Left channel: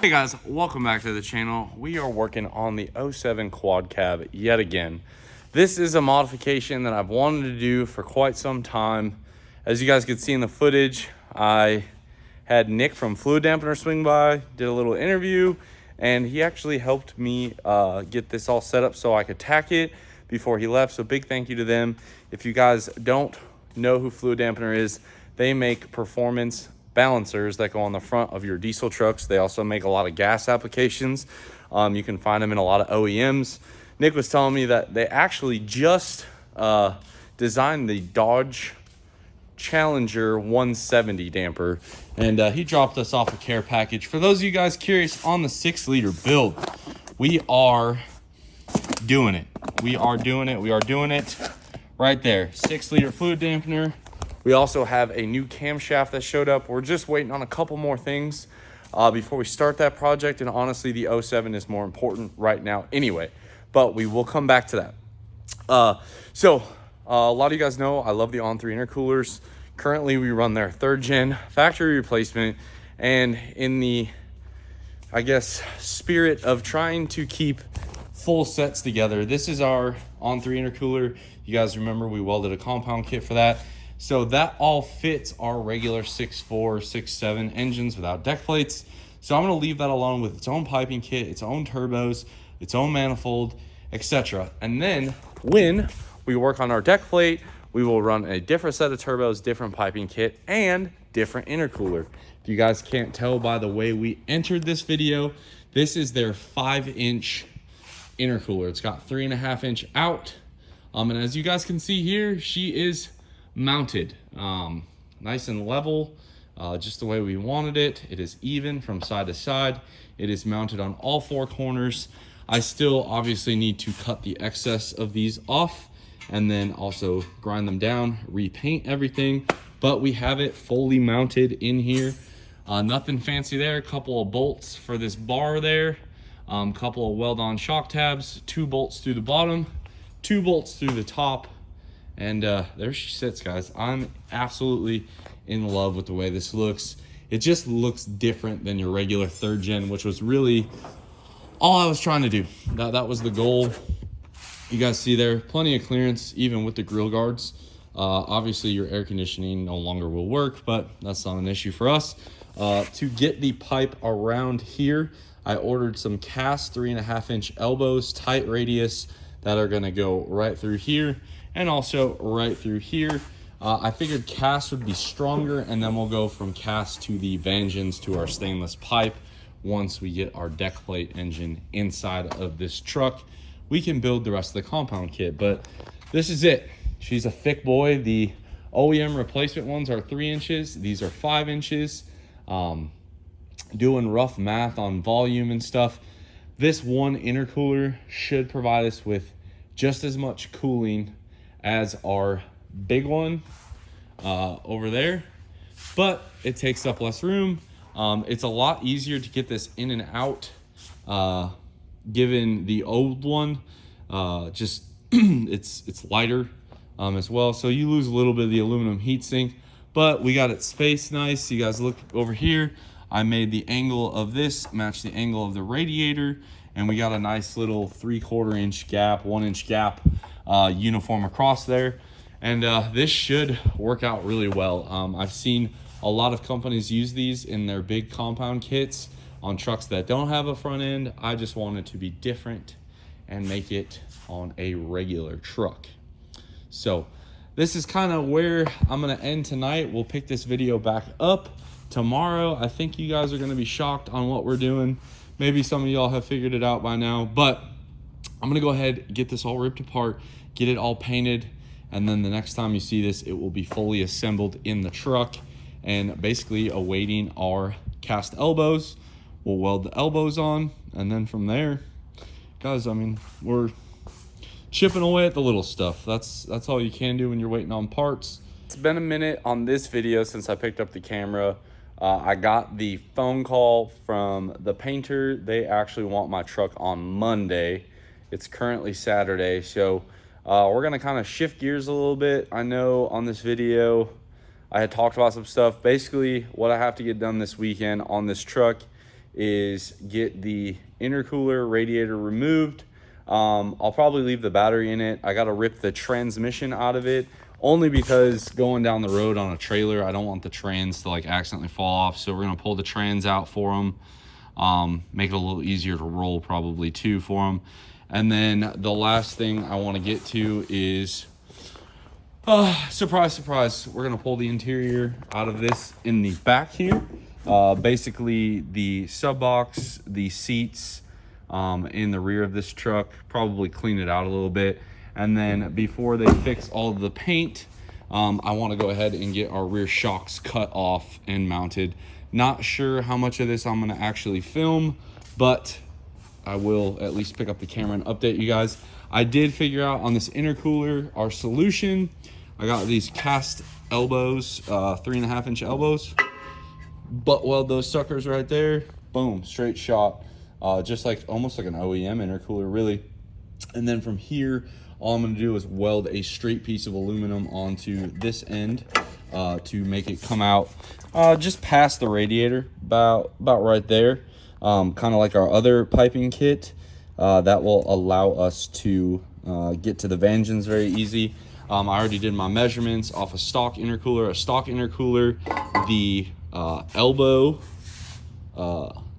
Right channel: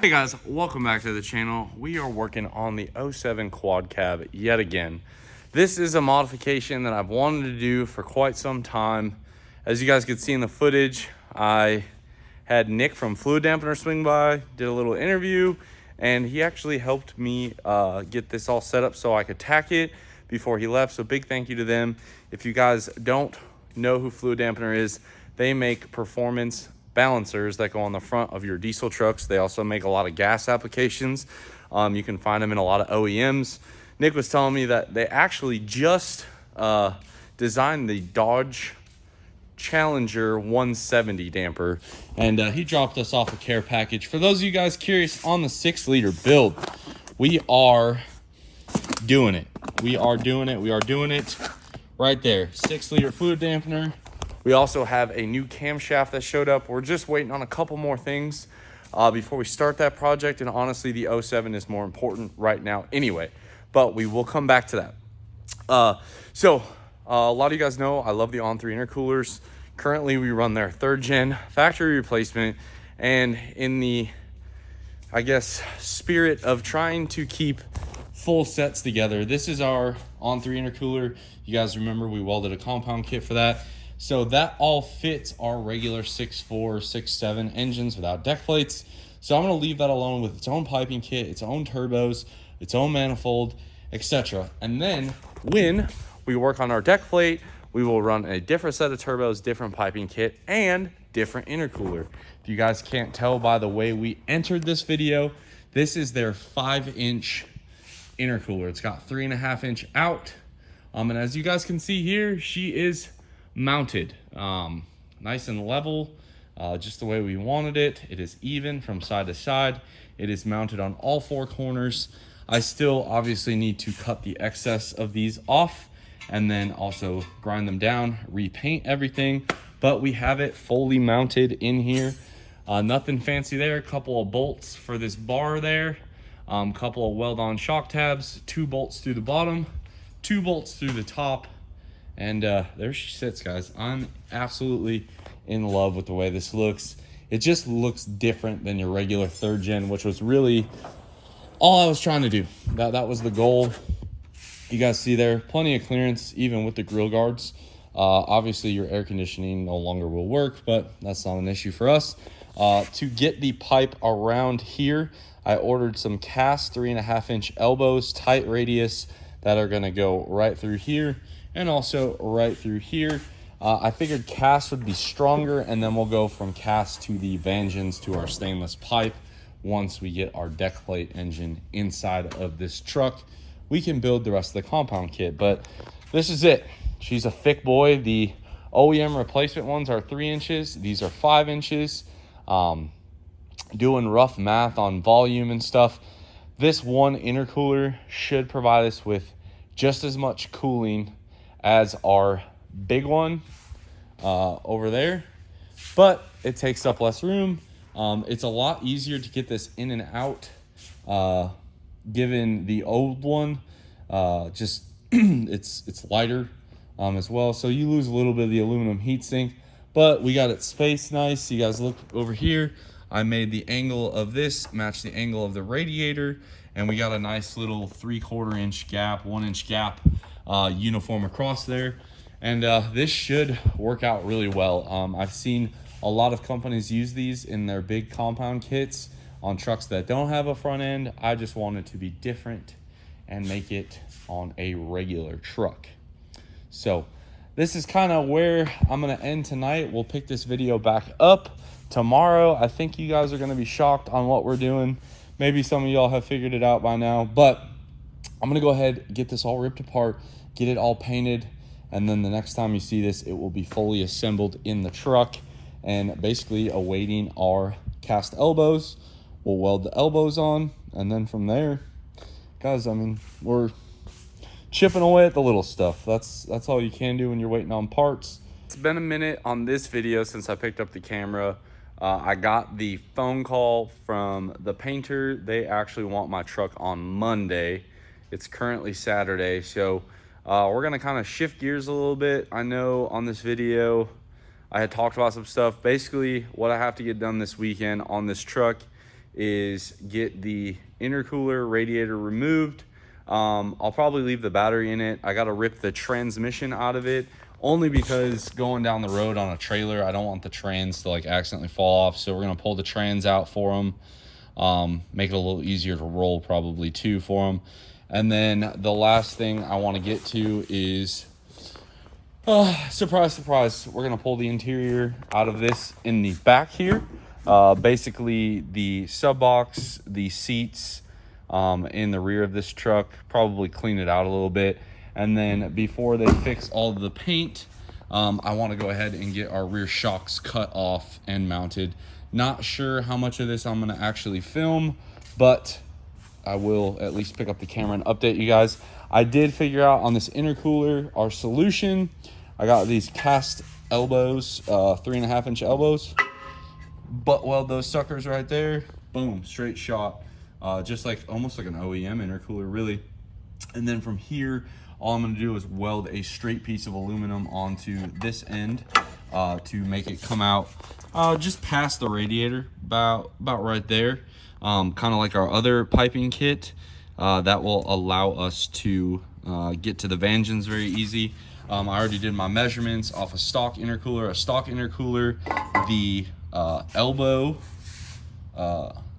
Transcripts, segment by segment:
Hey guys, welcome back to the channel. We are working on the 07 quad cab yet again. This is a modification that I've wanted to do for quite some time. As you guys could see in the footage, I had Nick from Fluid Dampener swing by, did a little interview, and he actually helped me get this all set up so I could tack it before he left. So big thank you to them. If you guys don't know who Fluid Dampener is, they make performance balancers that go on the front of your diesel trucks. They also make a lot of gas applications. You can find them in a lot of OEMs. Nick was telling me that they actually just designed the Dodge Challenger 170 damper, and he dropped us off a care package. For those of you guys curious on the 6-liter build, we are doing it. We are doing it right there. 6-liter fluid dampener, We also have a new camshaft that showed up. We're just waiting on a couple more things before we start that project. And honestly, the 07 is more important right now anyway, but we will come back to that. A lot of you guys know I love the On3 intercoolers. Currently, we run their 3rd gen factory replacement, and in the, I guess, spirit of trying to keep full sets together, this is our On3 intercooler. You guys remember we welded a compound kit for that. So that all fits our regular 6.4, 6.7 engines without deck plates. So I'm gonna leave that alone with its own piping kit, its own turbos, its own manifold, etc. And then when we work on our deck plate, we will run a different set of turbos, different piping kit, and different intercooler. If you guys can't tell by the way we entered this video, this is their 5-inch intercooler. It's got 3.5-inch out. And as you guys can see here, she is mounted nice and level, just the way we wanted it. It is even from side to side. It is mounted on all 4 corners. I still obviously need to cut the excess of these off and then also grind them down, repaint everything, but we have it fully mounted in here. Nothing fancy there. A couple of bolts for this bar there, couple of weld-on shock tabs, 2 bolts through the bottom, 2 bolts through the top, and there she sits, guys. I'm absolutely in love with the way this looks. It just looks different than your regular 3rd gen, which was really all I was trying to do. That was the goal. You guys see there, plenty of clearance, even with the grill guards. Obviously, your air conditioning no longer will work, but that's not an issue for us. To get the pipe around here, I ordered some cast 3.5-inch elbows, tight radius, that are gonna go right through here and also right through here. I figured cast would be stronger, and then we'll go from cast to the Vengeance to our stainless pipe. Once we get our deck plate engine inside of this truck, we can build the rest of the compound kit. But this is it. She's a thick boy. The OEM replacement ones are 3 inches. These are 5 inches. Doing rough math on volume and stuff, this one intercooler should provide us with just as much cooling as our big one over there, but it takes up less room. It's a lot easier to get this in and out, given the old one, just it's lighter as well. So you lose a little bit of the aluminum heatsink, but we got it spaced nice. You guys look over here. I made the angle of this match the angle of the radiator, and we got a nice little 3/4 inch gap, 1 inch gap, uniform across there. And this should work out really well. I've seen a lot of companies use these in their big compound kits on trucks that don't have a front end. I just wanted to be different and make it on a regular truck. So this is kind of where I'm gonna end tonight. We'll pick this video back up tomorrow. I think you guys are gonna be shocked on what we're doing. Maybe some of y'all have figured it out by now, but I'm gonna go ahead, get this all ripped apart, get it all painted, and then the next time you see this, it will be fully assembled in the truck and basically awaiting our cast elbows. We'll weld the elbows on, and then from there, guys, I mean, we're chipping away at the little stuff. That's all you can do when you're waiting on parts. It's been a minute on this video since I picked up the camera. I got the phone call from the painter. They actually want my truck on Monday. It's currently Saturday, so we're gonna kind of shift gears a little bit. I know on this video, I had talked about some stuff. Basically, what I have to get done this weekend on this truck is get the intercooler radiator removed. I'll probably leave the battery in it. I got to rip the transmission out of it, only because going down the road on a trailer, I don't want the trans to like accidentally fall off. So we're going to pull the trans out for them, make it a little easier to roll probably too for them. And then the last thing I want to get to is, surprise, surprise, we're going to pull the interior out of this in the back here. Basically the sub box, the seats, in the rear of this truck, probably clean it out a little bit. And then before they fix all of the paint, I want to go ahead and get our rear shocks cut off and mounted. Not sure how much of this I'm going to actually film, but I will at least pick up the camera and update you guys. I did figure out on this intercooler our solution. I got these cast elbows, 3.5-inch elbows. Butt weld those suckers right there. Boom, straight shot. Just like almost like an OEM intercooler, really. And then from here, all I'm gonna do is weld a straight piece of aluminum onto this end to make it come out just past the radiator, about right there. Kind of like our other piping kit. That will allow us to get to the vangeons very easy. I already did my measurements off a stock intercooler. The elbow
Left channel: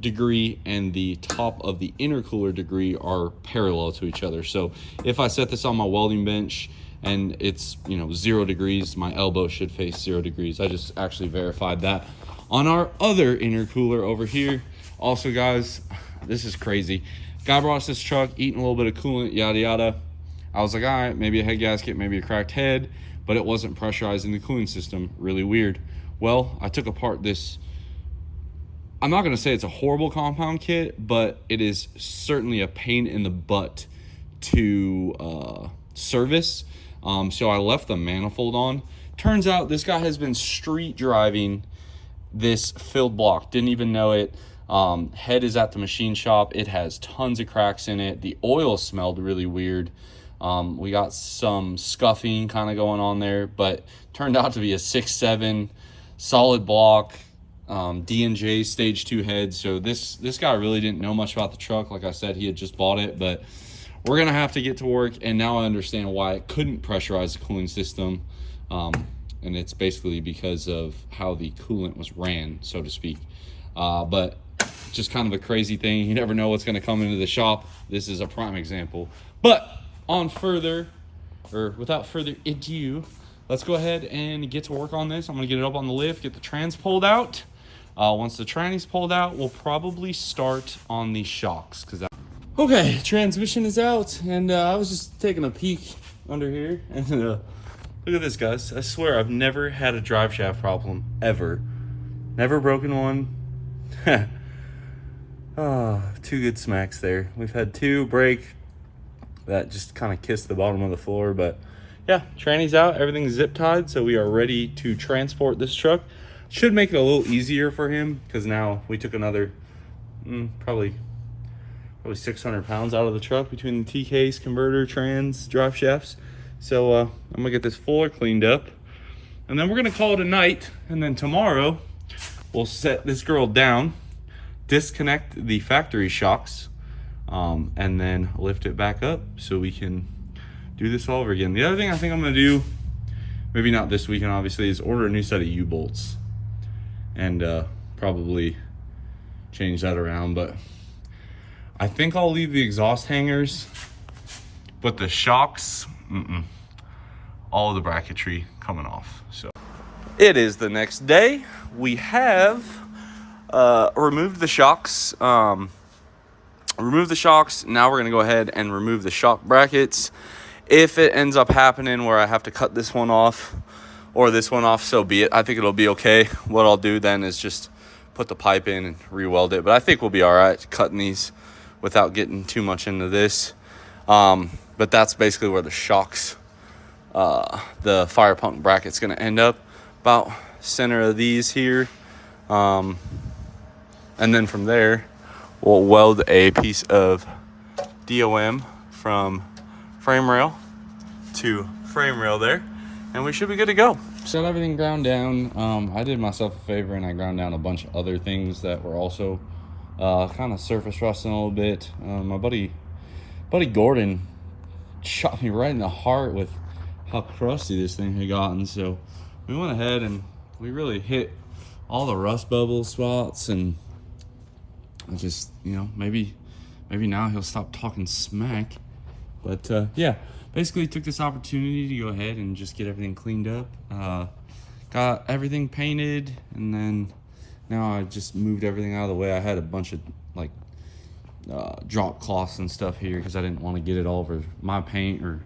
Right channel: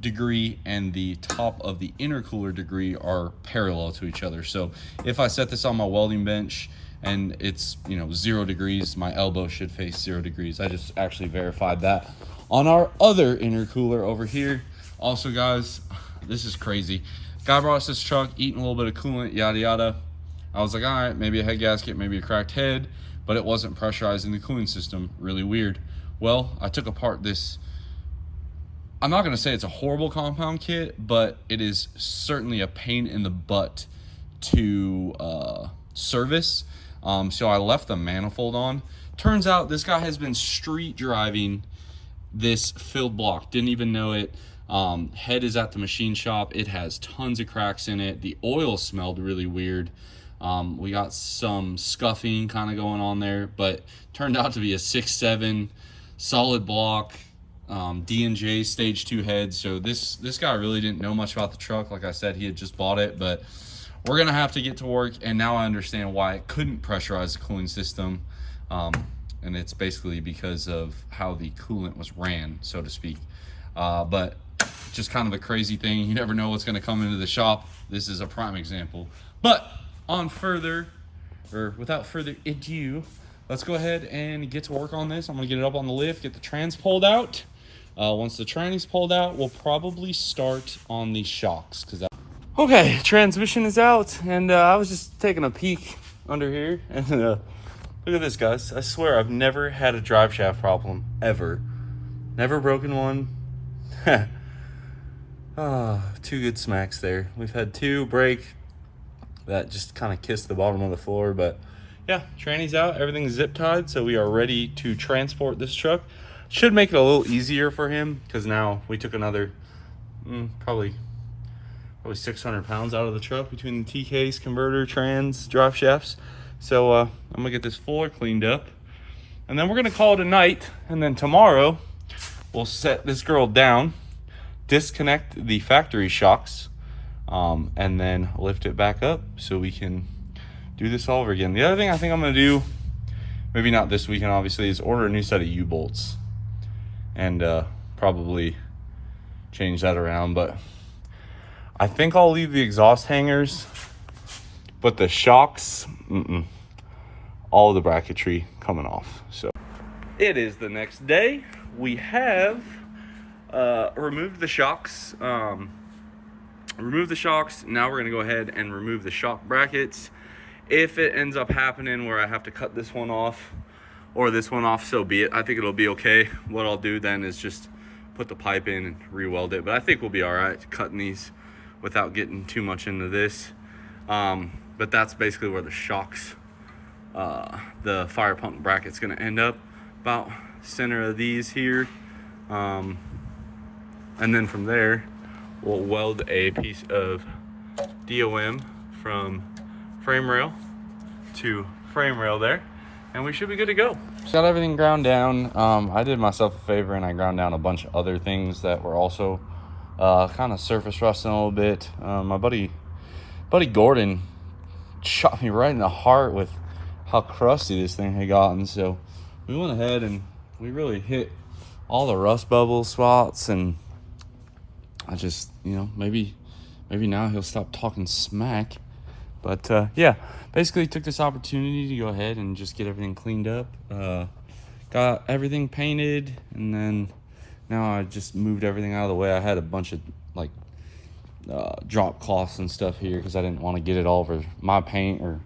degree and the top of the intercooler degree are parallel to each other. So if I set this on my welding bench and it's 0 degrees, my elbow should face 0 degrees. I just actually verified that on our other intercooler over here. Also, guys, this is crazy. Guy brought us this truck, eating a little bit of coolant, yada yada. I was like, all right, maybe a head gasket, maybe a cracked head, but it wasn't pressurizing the cooling system. Really weird. Well, I took apart this. I'm not gonna say it's a horrible compound kit, but it is certainly a pain in the butt to service. So I left the manifold on. Turns out this guy has been street driving this filled block. Didn't even know it. Head is at the machine shop. It has tons of cracks in it. The oil smelled really weird. We got some scuffing kind of going on there, but turned out to be a 6.7 solid block. D&J stage 2 head. So this guy really didn't know much about the truck. Like I said, he had just bought it, but we're gonna have to get to work. And now I understand why it couldn't pressurize the cooling system. And it's basically because of how the coolant was ran, so to speak. But just kind of a crazy thing. You never know what's gonna come into the shop. This is a prime example. But without further ado, let's go ahead and get to work on this. I'm gonna get it up on the lift, get the trans pulled out. Once the tranny's pulled out, we'll probably start on the shocks. Okay, transmission is out, and I was just taking a peek under here, and look at this, guys. I swear I've never had a drive shaft problem, ever. Never broken one. 2 good smacks there. We've had 2 break that just kind of kissed the bottom of the floor, but yeah, tranny's out, everything's zip tied, so we are ready to transport this truck. Should make it a little easier for him, because now we took another probably 600 pounds out of the truck between the TKs, converter, trans, drive shafts. So I'm gonna get this fuller cleaned up, and then we're gonna call it a night. And then tomorrow we'll set this girl down, disconnect the factory shocks, and then lift it back up so we can do this all over again. The other thing I think I'm gonna do, maybe not this weekend obviously, is order a new set of U-bolts and probably change that around. But I think I'll leave the exhaust hangers, but the shocks, all the bracketry coming off. So it is the next day. We have removed the shocks. Now we're gonna go ahead and remove the shock brackets. If it ends up happening where I have to cut this one off or this one off, so be it. I think it'll be okay. What I'll do then is just put the pipe in and re-weld it. But I think we'll be all right cutting these without getting too much into this. But that's basically where the shocks, the fire pump bracket's gonna end up, about center of these here. And then from there, we'll weld a piece of DOM from frame rail to frame rail there, and we should be good to go. Got everything ground down. I did myself a favor and I ground down a bunch of other things that were also kind of surface rusting a little bit. My buddy Gordon shot me right in the heart with how crusty this thing had gotten. So we went ahead and we really hit all the rust bubble spots, and I just, maybe now he'll stop talking smack. But yeah, basically took this opportunity to go ahead and just get everything cleaned up. Got everything painted, and then now I just moved everything out of the way. I had a bunch of drop cloths and stuff here because I didn't want to get it all over my paint, or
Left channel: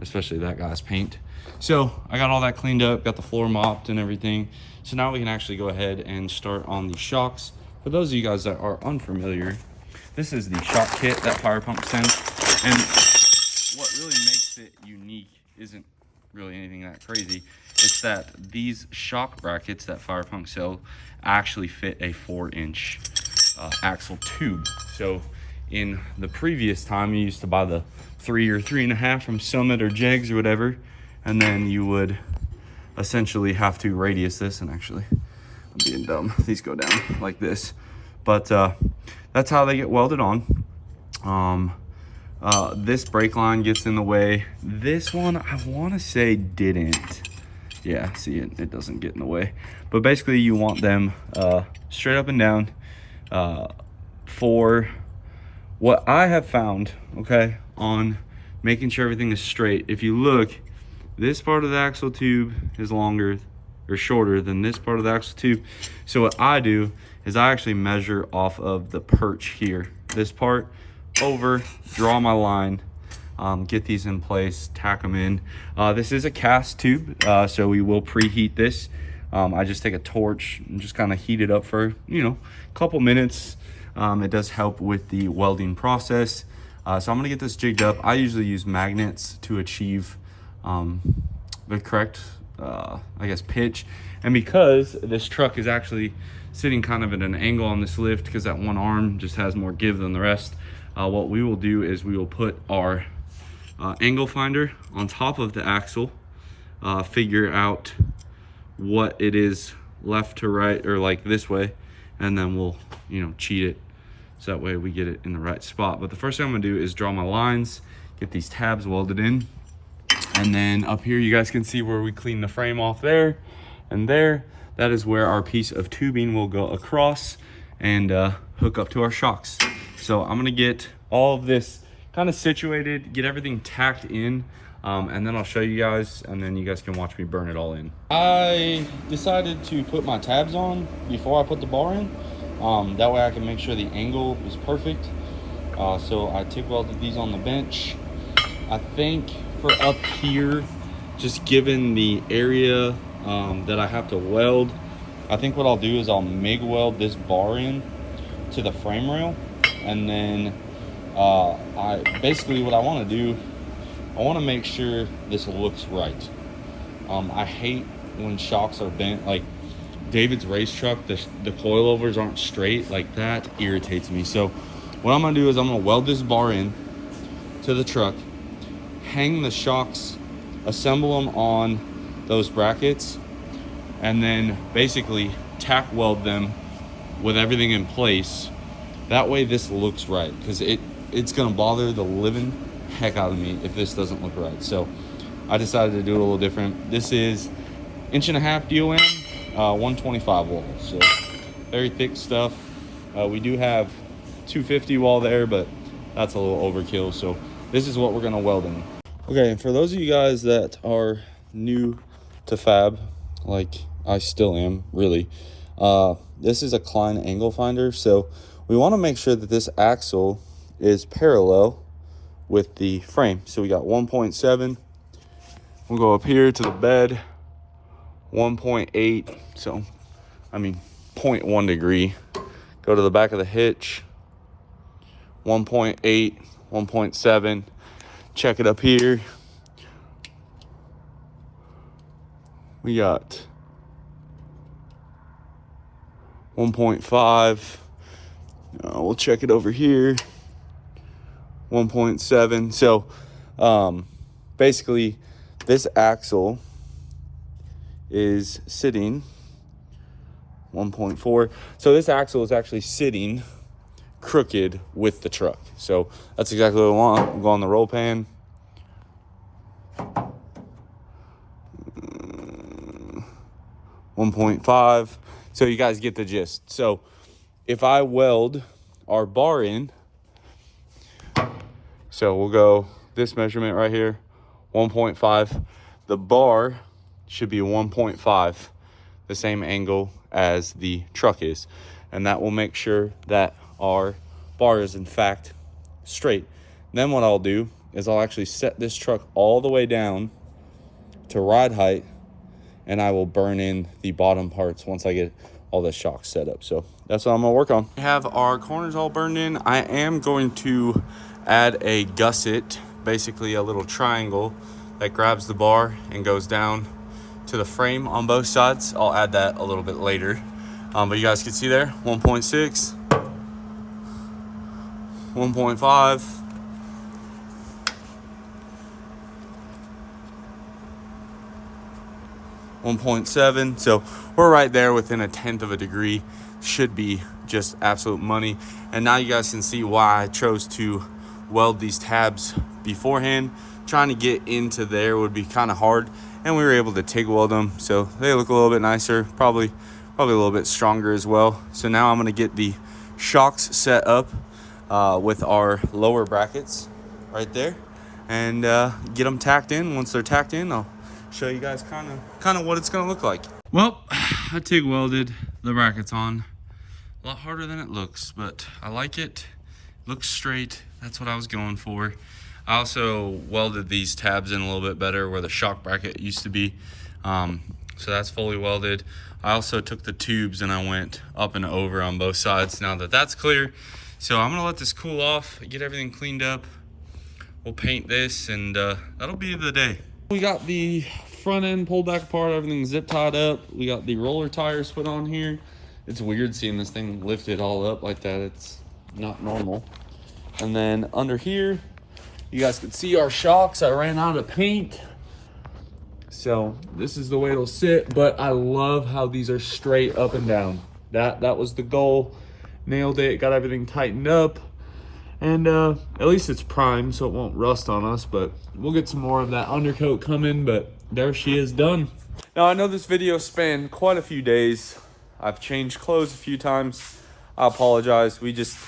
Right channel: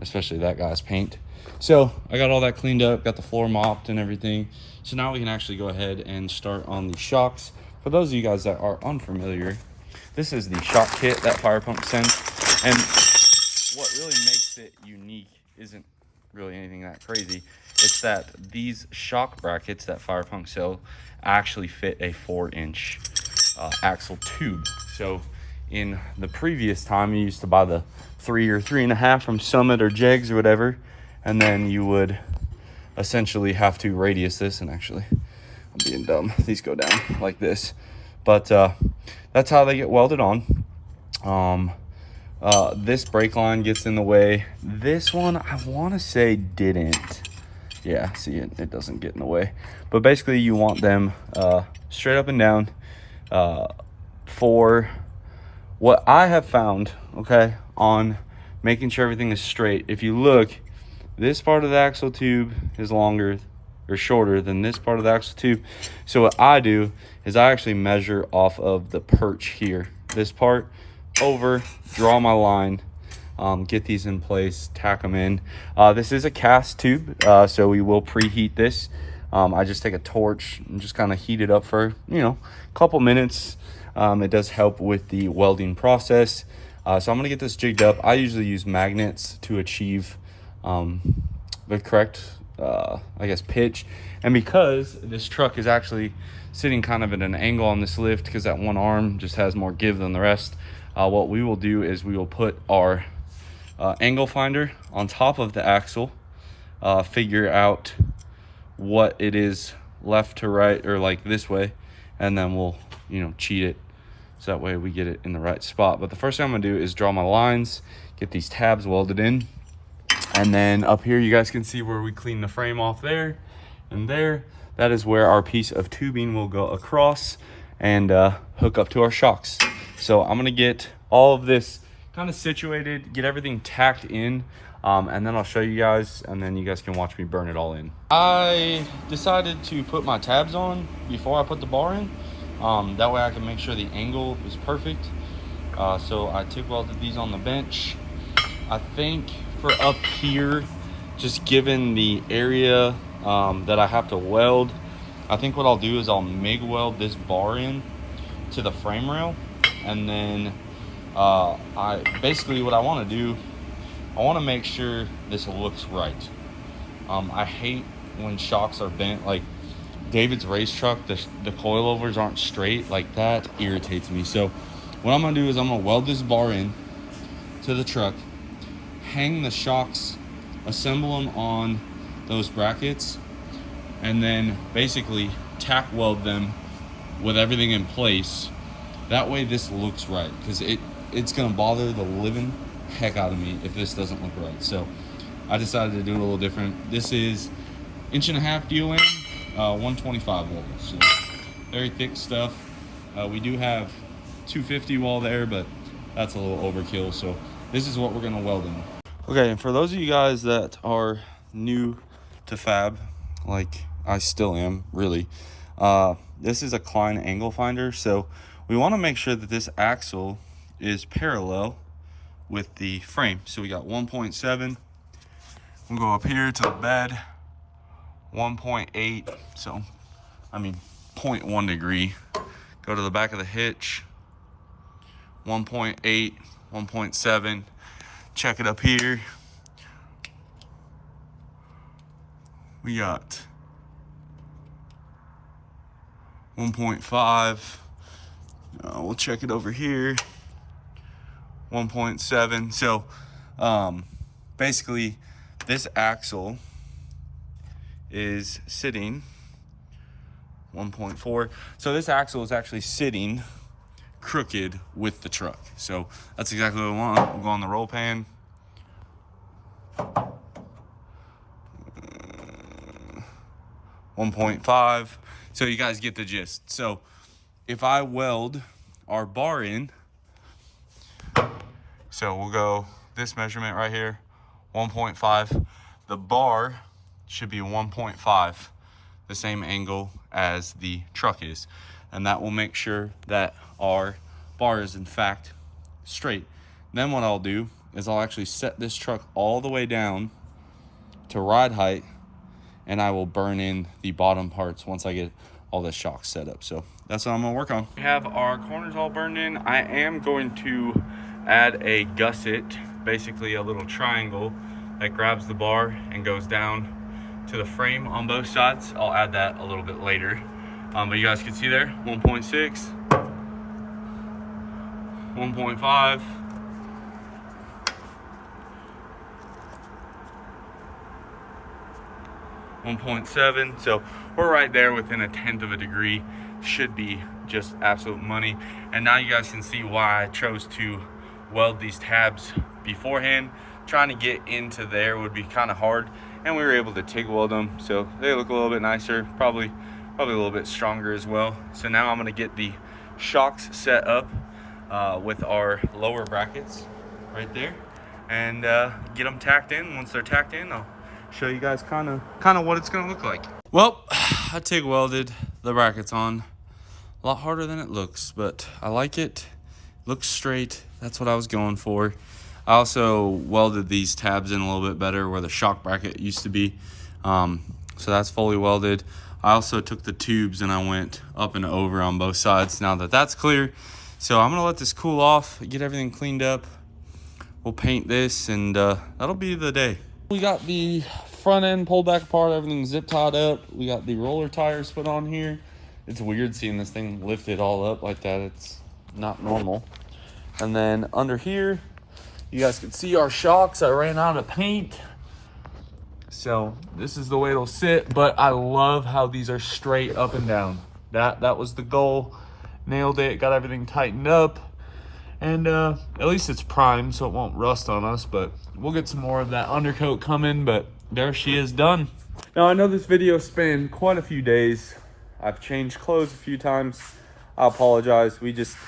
especially that guy's paint. So I got all that cleaned up, got the floor mopped and everything. So now we can actually go ahead and start on the shocks. For those of you guys that are unfamiliar, this is the shock kit that Fire Pump sends. And what really makes it unique isn't really anything that crazy. It's that these shock brackets that Fire Punk sell actually fit a 4-inch axle tube. So in the previous time, you used to buy the 3 or 3.5 from Summit or Jegs or whatever, and then you would essentially have to radius this. And actually, I'm being dumb, these go down like this, but that's how they get welded on. This brake line gets in the way. This one, I want to say didn't. Yeah, see, it doesn't get in the way. But basically, you want them straight up and down. For what I have found, okay, on making sure everything is straight, if you look, this part of the axle tube is longer or shorter than this part of the axle tube. So what I do is I actually measure off of the perch here, this part over, draw my line, get these in place, tack them in. This is a cast tube, so we will preheat this. I just take a torch and just kind of heat it up for, you know, a couple minutes. It does help with the welding process. So I'm gonna get this jigged up. I usually use magnets to achieve the correct, I guess, pitch. And because this truck is actually sitting kind of at an angle on this lift, because that one arm just has more give than the rest, what we will do is we will put our angle finder on top of the axle, figure out what it is left to right, or like this way, and then we'll, you know, cheat it so that way we get it in the right spot. But the first thing I'm gonna do is draw my lines, get these tabs welded in, and then up here you guys can see where we clean the frame off there and there. That is where our piece of tubing will go across and hook up to our shocks. So I'm gonna get all of this kind of situated, get everything tacked in, and then I'll show you guys, and then you guys can watch me burn it all in. I decided to put my tabs on before I put the bar in. That way I can make sure the angle is perfect. So I TIG welded these on the bench. I think for up here, just given the area that I have to weld, I think what I'll do is I'll MIG weld this bar in to the frame rail, and then basically what I want to do, I want to make sure this looks right. I hate when shocks are bent. Like David's race truck, the coilovers aren't straight. Like that irritates me. So what I'm gonna do is I'm gonna weld this bar in to the truck, hang the shocks, assemble them on those brackets, and then basically tack weld them with everything in place. That way this looks right, because it's gonna bother the living heck out of me if this doesn't look right. So I decided to do it a little different. This is 1.5 DOM, 125 wall, so very thick stuff. We do have 250 wall there, but that's a little overkill. So this is what we're gonna weld in. Okay, and for those of you guys that are new to fab, like I still am, really, this is a Klein angle finder. So we want to make sure that this axle is parallel with the frame. So we got 1.7. We'll go up here to the bed, 1.8. So, I mean, 0.1 degree. Go to the back of the hitch, 1.8, 1.7. Check it up here. We got 1.5. We'll check it over here, 1.7. So basically this axle is sitting 1.4. So this axle is actually sitting crooked with the truck. So that's exactly what I want. We'll go on the roll pan. .5. So you guys get the gist. So if I weld our bar in, so we'll go this measurement right here, 1.5. The bar should be 1.5, the same angle as the truck is. And that will make sure that our bar is in fact straight. Then what I'll do is I'll actually set this truck all the way down to ride height, and I will burn in the bottom parts once I get all the shocks set up. So that's what I'm gonna work on. We have our corners all burned in. I am going to add a gusset, basically a little triangle that grabs the bar and goes down to the frame on both sides. I'll add that a little bit later. But you guys can see there, 1.6, 1.5, 1.7. So we're right there within 1/10 of a degree. Should be just absolute money. And now you guys can see why I chose to weld these tabs beforehand. Trying to get into there would be kind of hard, and we were able to TIG weld them, so they look a little bit nicer, probably a little bit stronger as well. So now I'm going to get the shocks set up with our lower brackets right there, and get them tacked in. Once they're tacked in, I'll show you guys kind of what it's going to look like. Well, I TIG welded the brackets on. A lot harder than it looks, but I like it. Looks straight. That's what I was going for. I also welded these tabs in a little bit better where the shock bracket used to be. So that's fully welded. I also took the tubes and I went up and over on both sides now that that's clear. So I'm gonna let this cool off, get everything cleaned up. We'll paint this, and that'll be the day. We got the front end pulled back apart, everything zip tied up. We got the roller tires put on here. It's weird seeing this thing lifted all up like that. It's not normal. And then under here, you guys can see our shocks. I ran out of paint, so this is the way it'll sit. But I love how these are straight up and down. That was the goal. Nailed it, got everything tightened up, and at least it's primed so it won't rust on us. But we'll get some more of that undercoat coming. But there she is, done. Now I know this video spanned quite a few days. I've changed clothes a few times. I apologize. We just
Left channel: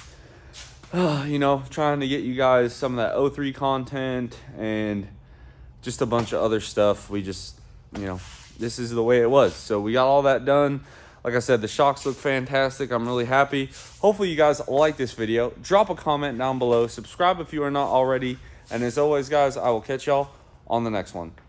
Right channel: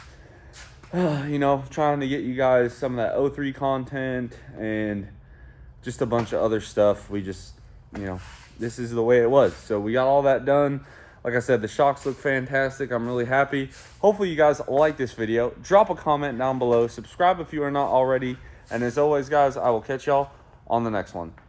you know, trying to get you guys some of that O3 content and just a bunch of other stuff. We just, you know, this is the way it was. So we got all that done. Like I said, the shocks look fantastic. I'm really happy. Hopefully you guys like this video. Drop a comment down below. Subscribe if you are not already. And as always, guys, I will catch y'all on the next one.